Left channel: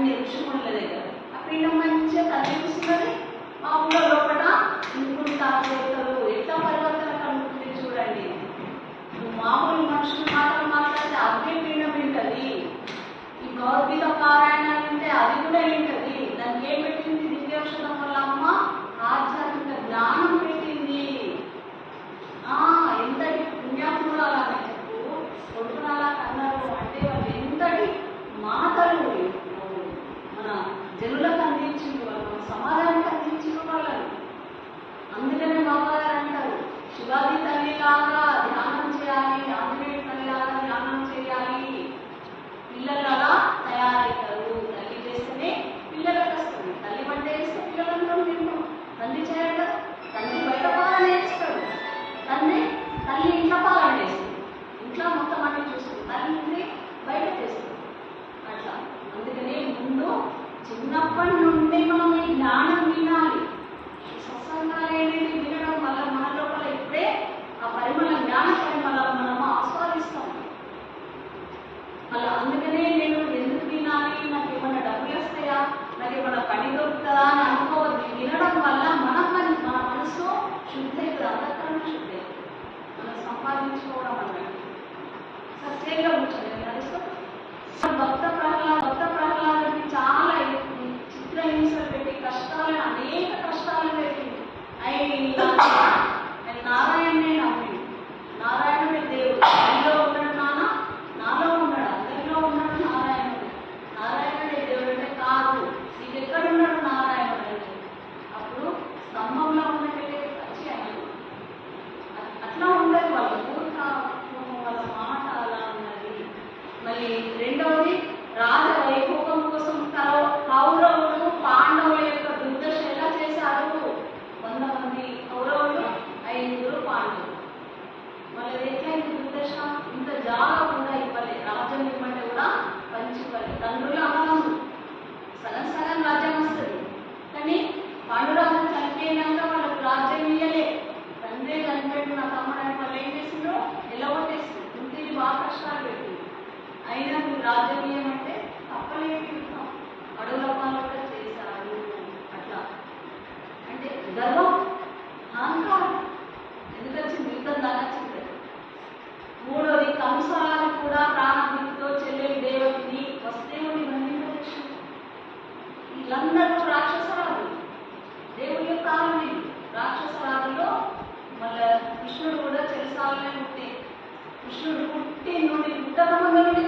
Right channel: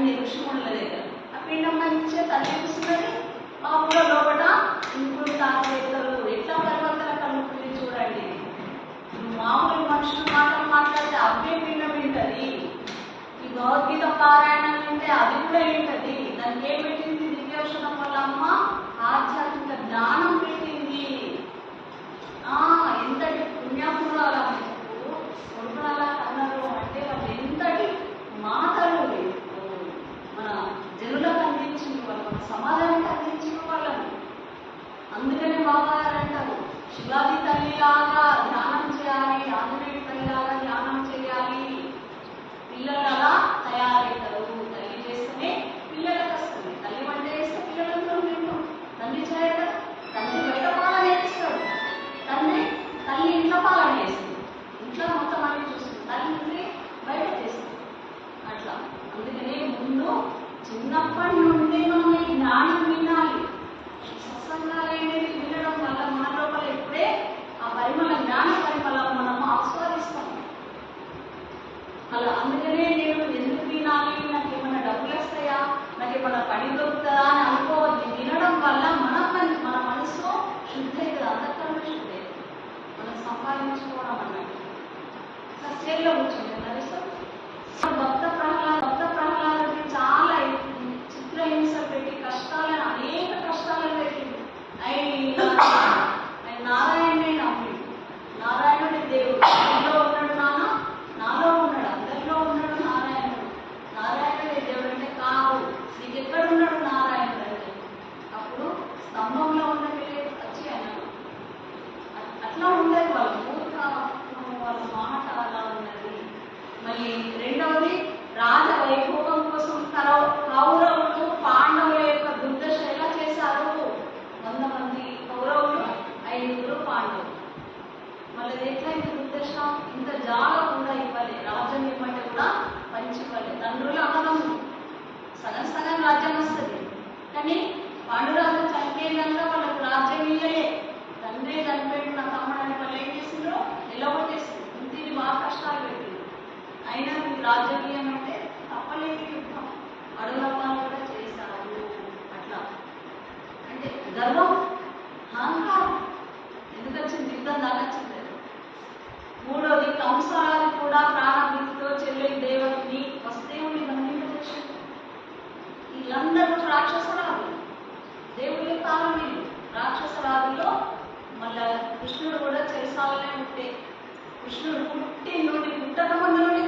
అన్ని ఋషిముళ్ళ దగ్గర. ఆ పిండం మంచిగా తల్లిస్తున్నది మా ఊళ్ళో లోపల ఇంకుడు తాతలు ఎట్లా పరివర్తన కలుగుతుంది చూడండి. మామూలు మనుషులు మాత్రం మాట్లాడితే అదే పిండం వింటది. ఈ భగవద్గీత పారాయణ వింటే అది కూడా వింటది. శివాజీ ధ్యానం చేయాలి ఆంజనేయుడి తల్లిలాగా ధ్యానం చేయాలి. పిల్లలు అలా తయారవుతారు. తల్లి చేస్తేనే పిల్లలకు వస్తుంది తల్లి వంట చేస్తే పిల్లలందరూ తింటాం. తండ్రి చేయడం తండ్రి బయట పాలన వేస్తాడు తండ్రి తల్లి ఇంట్లో పాలన చేస్తుంది. ఇంట్లో మొత్తం అన్ని చూస్తుంది. తల్లి బయట చేస్తుంది అట్లా అందుకనే ముందు చిన్నప్పటి నుండి మనం ఈ జ్ఞానం వినాలి సత్సంగాలు అనేది వినడం వల్ల మన లోపల ఇప్పుడే ఆ పరిమళ జ్ఞాన పరిమళం మనము ఆస్వాదిస్తాం అలా అందుకనే నేను ఎందుకు వినాలి నాకు ఏమైనా డబ్బులు వస్తాయా నాకు ఏమైనా పని దొరుకుతుందా అని అనుకోవద్దు. తినడం వల్ల మన పని మన మనసు శుద్ధి అవుతుంది అంతకన్నా శుద్ధి మనం సంపాదించుకోవడం అన్నది సత్యంగా కూర్చోండి. భక్త ప్రహ్లాద భక్త రాజకీయం అంటే రాజ్యం తప్పలేదు యుద్ధం. అడవుల పాలు చేశారు. అట్లా. అంటే గర్వం అహంకారం. ఎందుకు వచ్చింది యుద్ధం దాకా వచ్చింది మూడోది కంసాలు కూడా ప్రాణభీతితో చెల్లెలి దేవతని వస్తేవుని బంధింపజేసింది వీళ్ళందరూ రాక్షసరాలు. దేవుళ్ళ కాలమే రాక్షసరాలలో మళ్ళా కృష్ణుడు కూడా చెరసాలనే ఉంటే కృష్ణుడు పుట్టి నుండి ¿Cuántas mamás no.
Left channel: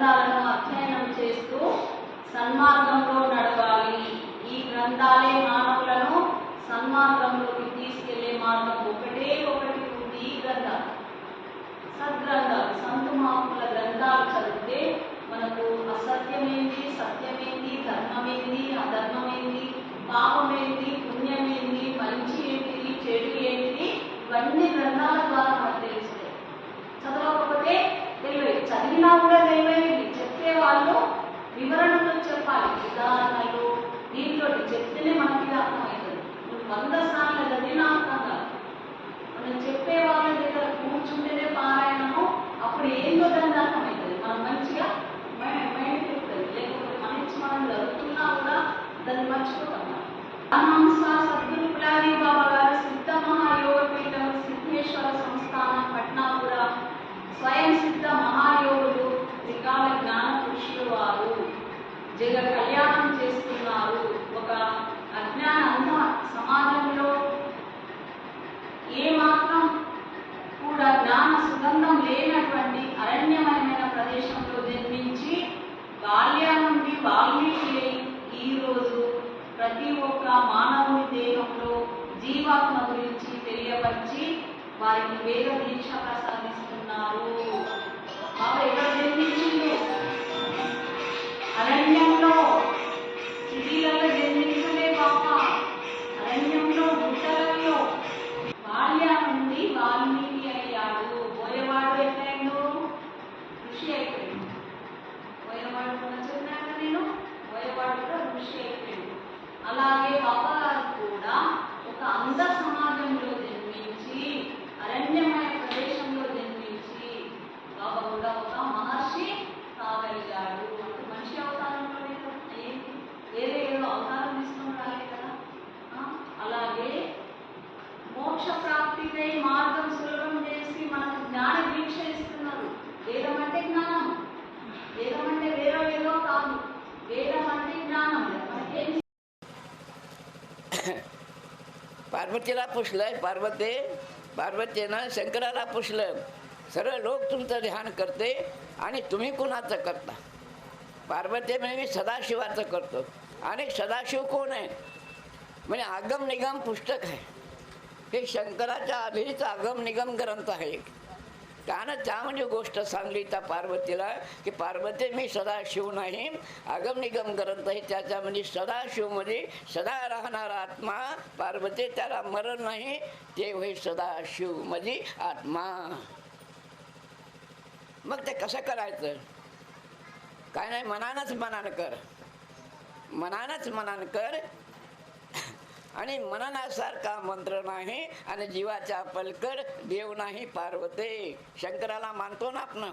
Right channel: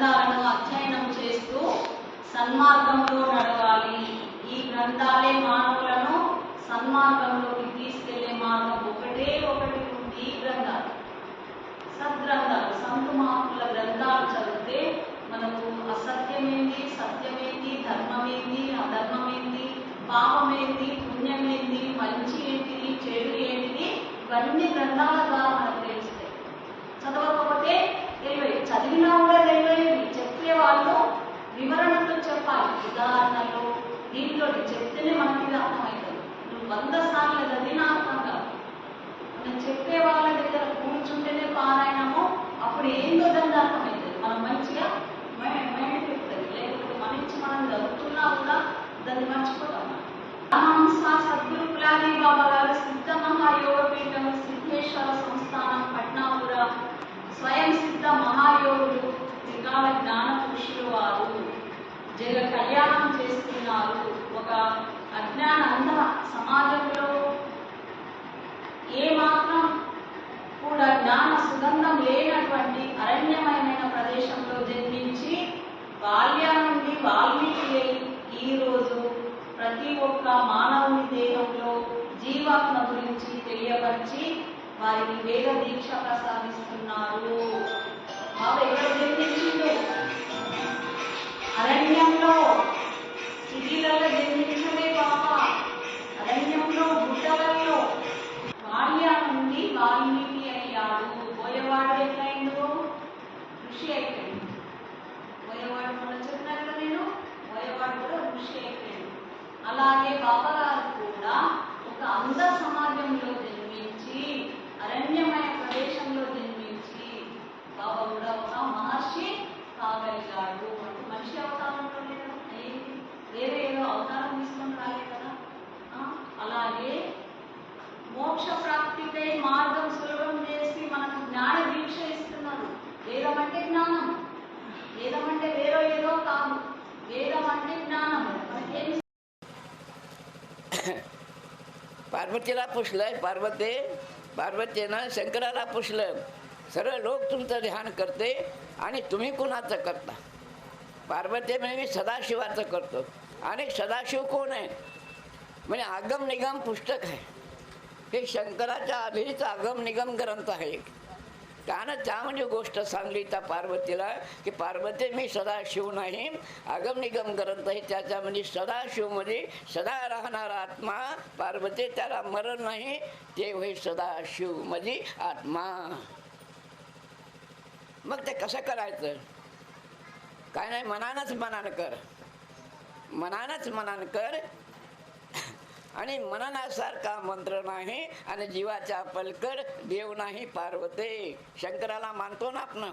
గ్రంథాలను అధ్యయనం చేస్తూ సన్మార్గంలో నడవాలి. ఈ గ్రంథాలే మానవులను సన్మార్గంలోకి తీసుకెళ్ళే మార్గం ఒకటే ఒకటి ఉంది ఈ గ్రంథాలు. సద్గ్రంథాలు సంతు మహాత్ముల గ్రంథాలు చదివితే మనకు అసత్యమేంది సత్యమేంది ధర్మమేంది అధర్మమేంది పాపమేంది పుణ్యమేంది మంచి ఏంటిది చెడు ఏంటిది ఇవన్నీ గ్రంథాల ద్వారా మనకు తెలుస్తాయి చదవకపోతే తెలియదు చదివినా కూడా తెలియదు చెప్పే వాళ్ళు వివరణలు చెప్పాలి. ఉదాహరణలు దీంట్లో చెప్తేనే మనకి ఇది అర్థమవుతుంది. నువ్వు వంద సార్లు చదివినా అర్థం కాదు. మనం చెప్పే వాళ్ళ దగ్గర కూర్చుంటేనే పారాయణము అప్పుడు ఏందో దాన్ని అర్థమవుతుంది జగ కళ్యాణం చేస్తున్నారు. ఒక అజ్ఞాన అంధ సమాజంలో ఏ మాత్రం కూడా జ్ఞాన సుగంధం లేనటువంటి అరణ్యమయమైన ప్రదేశంలో జన్మించి బాల్య నుండి వాల్మీకి ఈరోజు ప్రతి ఒక్క మానవుని దేహంలో జీవాత్మ గురించి తెలియపరిచి వారికి వేద దీక్ష ప్రసాదిస్తున్నారు. బాబా ఎక్కడ జన్మించిండు అరణ్యంలో సిటీలలో జన్మించలే పాప. అరణ్యంలో గుట్టలలో బాల్య నుండి వాల్మీకి అయ్యాడు. పోయేవాడు ఎట్లయిందో ఋషి అయిపోయింది పోయేవాడు కూడా చెప్పినట్లు నేను పోయేవాడు కూడా ఋషి అయిపోయింది అలాగే బాబా గారు కూడా ఒక అంశం पार्वतीला पुसलं पार्वती पार्वतीनं शंकराला पुसलं. सर्व लोक तुमचं ध्यान करते आणि तुम्ही कुणाचं करता? पार्वती म्हणजे मी सदाशिवाचं करतो. आणि सदाशिव कोण आहे? म्हणजे आगम निगम पुस्तक आहे. हे शंकराच्या आधीच आगम निगम ग्रंथ आहे कारण त्या म्हणजे गोष्ट सांगली त्या पार्वतीला की पार्वती मी सदाशिव नाही आगम निगम करत आहे त्याच्या म्हणजे सदाशिवमध्ये म्हणजे सदा राहणारा आत्मा पार्वती त्याला मरण नाही ते होय सदाशिव म्हणजे आत्मा. मग ते कसं करायचं? काय नाही मनानंच मनान कर. मनानंच मनान कर आणि मननासारखा मंत्र नाही आणि जीवाच्या पलकड देव नाही पार्वते. शंकराला मानतो ना आपण?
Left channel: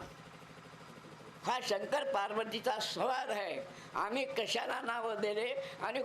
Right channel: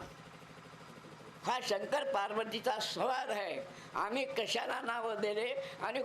हा शंकर पार्वतीचा सवार आहे. आम्ही कशाला नाव दिले आणि